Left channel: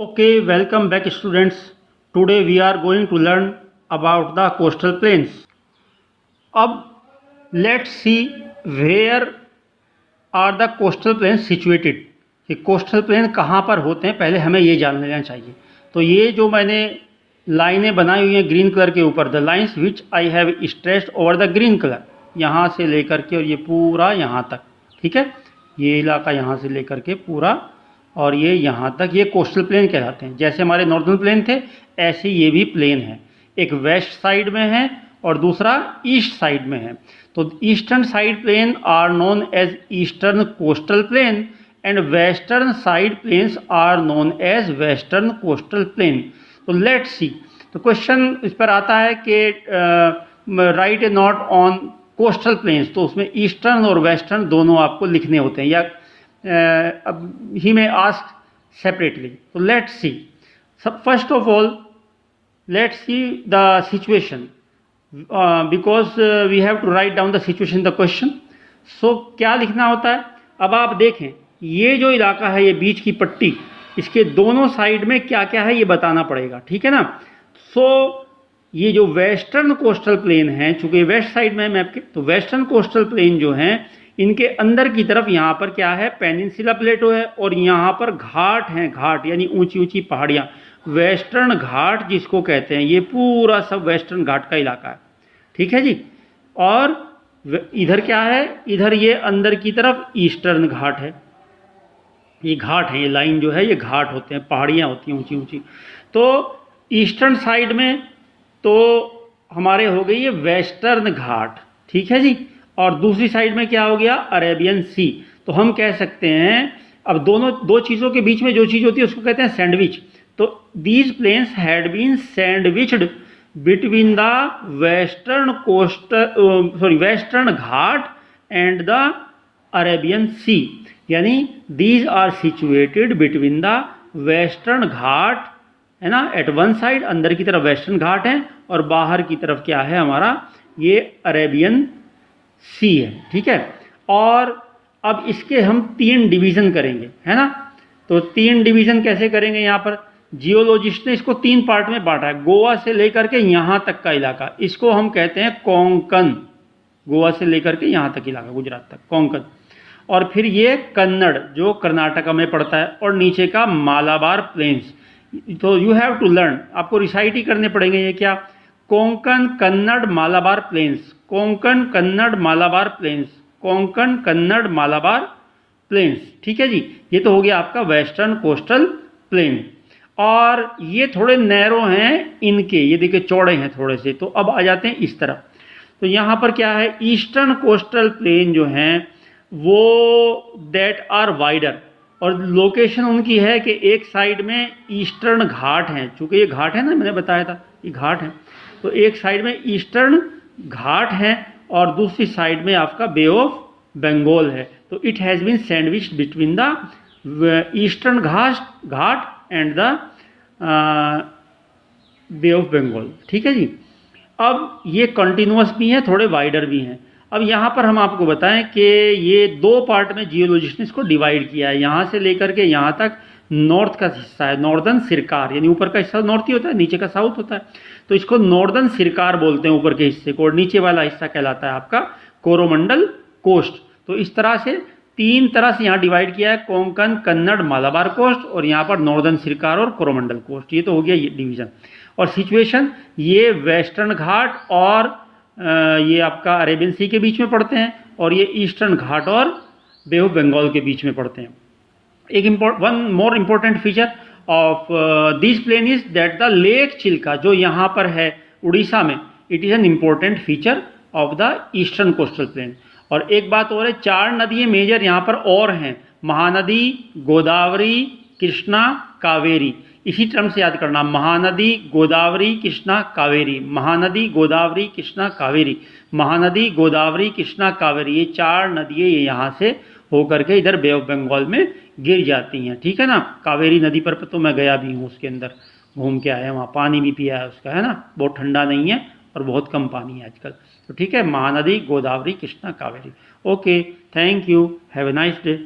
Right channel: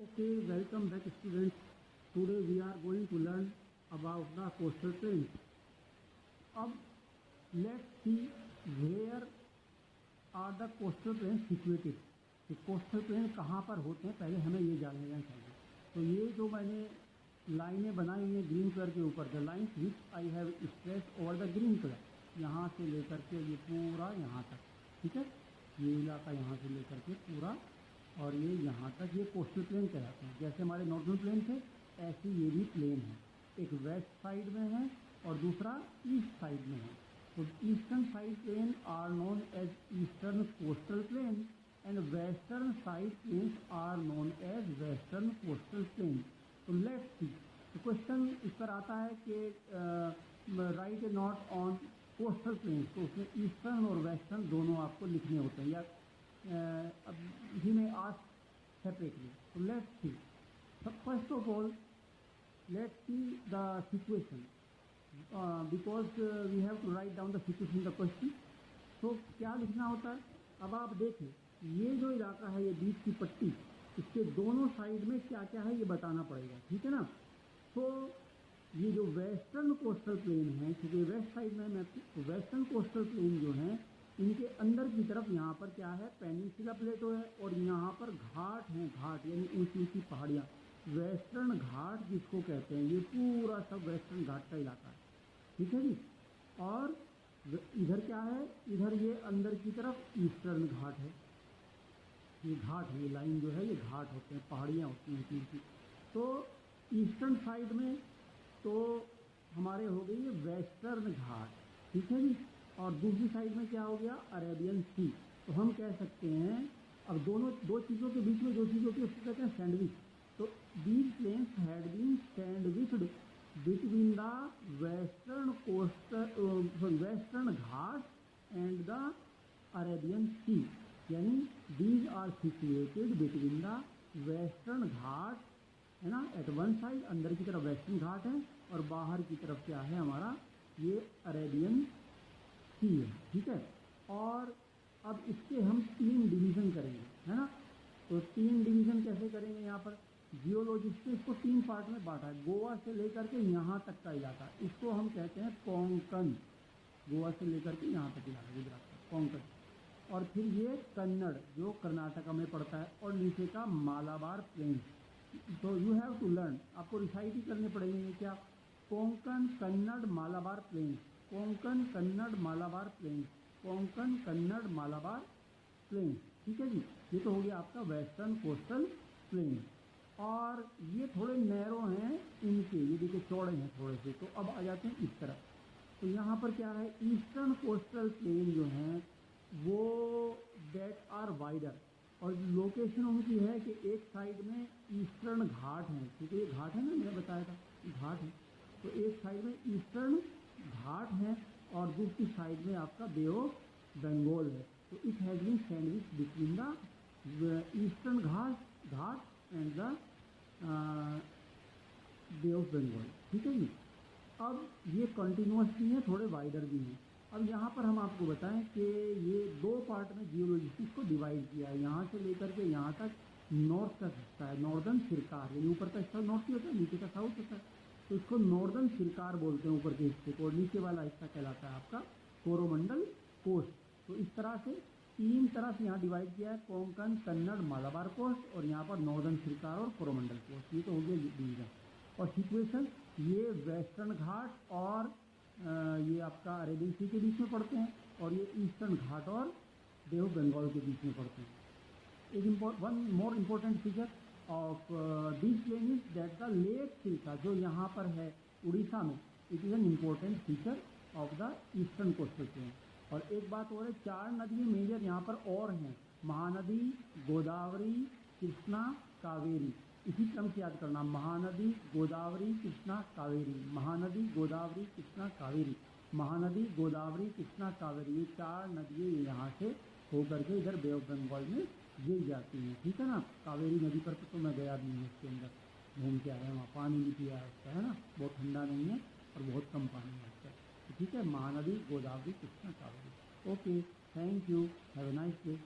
Okay, welcome back students. Today we are going to learn about the coastal plains. अब let's see where are the coastal plains situated. ये coastal plain कहाँ पर होते हैं पहले हमें ये जान लेना चाहिए. तो ये जो मैंने लाइनें बनाई हुई हैं ग्रीन कलर के ऊपर, the lines which I have stressed over the green colour, यहाँ से लेकर के और ये पूरा यहाँ तक, ठीक है, ये इलाका यहाँ से लेकर के पूरा और ये यहाँ तक, ये कोस्टल प्लेन कहलाते हैं. जैसे हमारे नॉर्दर्न प्लेन थे ऐसे ये भी प्लेन है. एक वेस्ट साइड में है और दूसरा ईस्ट साइड में है. तो eastern side plain are known as eastern coastal plain and western side plains are known as western coastal plain. तो लेट्स सी. तो क्वेश्चन इस पर आता है कि write a note on coastal plains. तो उसमें ईस्टर्न और वेस्टर्न दोनों आपको लिखने होते हैं या he may ask separately. So let's see. So first of all, let's see the situation because we have to write down the situation in the question. So क्या लिखना होता है? अब आप देखें ये जो इलाका है, ये बीच की पट्टी, इसके दोनों साइड में क्या क्या है ये बताना पड़ेगा, ठीक है ना. सो ये जो वेस्टर्न कोस्टल प्लेन है, चूंकि वेस्ट साइड में है मैप के, तो वेस्टर्न कोस्टल प्लेन जो हैं इनके अंदर की तरफ यहाँ पर क्या है, पेनिनसुला प्लेटो है और यहाँ पर घाट हैं, घाट यानी ऊंची ऊंची पहाड़ियाँ, वेस्टर्न घाट जिसको कहते हैं. ये पूरा सब वेस्टर्न घाट का इलाका है, ठीक है जी. और इधर क्या है, इधर ये अंदर की तरफ ईस्टर्न घाट है. ये घाट है, ये लाइन जो है ये घाट होते हैं, पहाड़ियाँ होती हैं ऊंची ऊंची. तो ईस्टर्न साइड में तो हमारे हो गई ये वेस्टर्न घाट, ठीक है जी. और दूसरी साइड में क्या हो गया, अरेबियन सी. तो हम कह सकते हैं, अब दोनों दो चीज़ों के बीच में जो चीज़ होती है उसको कहते हैं सैंडविच. तो these plains had been sandwiched between the western western Ghat and the Arabian sea. यानी these are situated between the western Ghat, है ना, एट वन साइड, अंदर की तरफ वेस्टर्न घाट है और बाहर की तरफ क्या है हमारा, ये अरेबियन सी है, ठीक है. और अब इसके हम 3 डिवीज़न करेंगे, है ना. तो 3 डिवीज़न कैसे करेंगे, यहाँ पर जियोलॉजिस्ट ने इसको 3 पार्ट में बांटा है. गोवा से लेकर के यहाँ तक का इलाका, इसको हम कहते हैं कोंकण. गोवा से लेकर के यहाँ तक इलाका, गुजरात तक, कोंकण. और फिर ये कन्नड़ जो कर्नाटका में पड़ता है, और नीचे का मालाबार प्लेन्स. तो यू हैव टू लर्न, आपको रिसाइट ही करने पड़ेंगे. ये क्या, Konkan Kannada Malabar plains, Konkan Kannada Malabar plains, Konkan Kannada Malabar plains, ठीक है जी. ये तो हो गया आपका वेस्टर्न कोस्टल प्लेन. और ये थोड़े नैरो हैं इनके, ये देखिए चौड़े हैं थोड़े से. तो अब आ जाते हैं इस तरफ. तो यहाँ पर क्या है, ईस्टर्न कोस्टल प्लेन जो हैं वो दैट आर वाइडर. और लोकेशन उनकी है कि एक साइड में ईस्टर्न घाट हैं, चूँकि ये घाट है ना, मैंने बताया था ये घाट है. तो एक साइड में ईस्टर्न घाट है और दूसरी साइड में आपका बे ऑफ बंगाल है. तो it has been sandwiched between the eastern ghat and the Bay of Bengal, ठीक है जी. अब ये कंटिन्यूअस भी हैं, थोड़े वाइडर भी हैं. अब यहाँ पर हम आपको बताएं कि ये 2 पार्ट में जियोलॉजिस्ट ने इसको डिवाइड किया है. यहाँ से लेकर के यहाँ तक नॉर्थ का हिस्सा है, नॉर्दर्न सिरकार, यानी ऊपर का हिस्सा नॉर्थ ही होता है, नीचे का साउथ होता है. तो इसको नॉर्दर्न सिरकार बोलते हैं ऊपर के हिस्से को, और नीचे वाला हिस्सा कहलाता है आपका कोरोमंडल कोस्ट. तो इस तरह से 3 तरह से यहाँ डिवाइड किया है, कोंकण कन्नड़ मालाबार कोस्ट, और यहाँ पर नॉर्दर्न सिरकार और कोरोमंडल कोस्ट. ये तो हो गया ये डिवीज़न. और सिचुएशन ये वेस्टर्न घाट और ये आपका अरेबियन सी के बीच में पड़ते हैं, और ये ईस्टर्न घाट और बे ऑफ बंगाल के बीच में पड़ते हैं. एक one more important feature of this plain is that the lake Chilka जो यहाँ पर है उड़ीसा में, it is an important feature of the eastern coastal plain. और एक बात और है, 4 नदियाँ मेजर यहाँ पर और हैं, महानदी, गोदावरी, कृष्णा, कावेरी. इसी टर्म से याद करना, महानदी, गोदावरी, कृष्णा, कावेरी, महानदी, गोदावरी, कृष्णा, कावेरी, महानदी, गोदावरी, कृष्णा, कावेरी. ये 4 नदियाँ ये यहाँ से होकर के इधर बे ऑफ बंगाल में गिर जाती हैं, ठीक है ना. कावेरी नदी पर तो मैं गया भी हूँ, उसके अंदर घूम के आया, वहाँ पानी भी पिया है उसका, है ना, बहुत ठंडा नहीं है और बहुत कम पानी है आजकल. तो ठीक है, Mahanadi, Godavari, Krishna, Kaveri. Okay, thank you, have a nice day.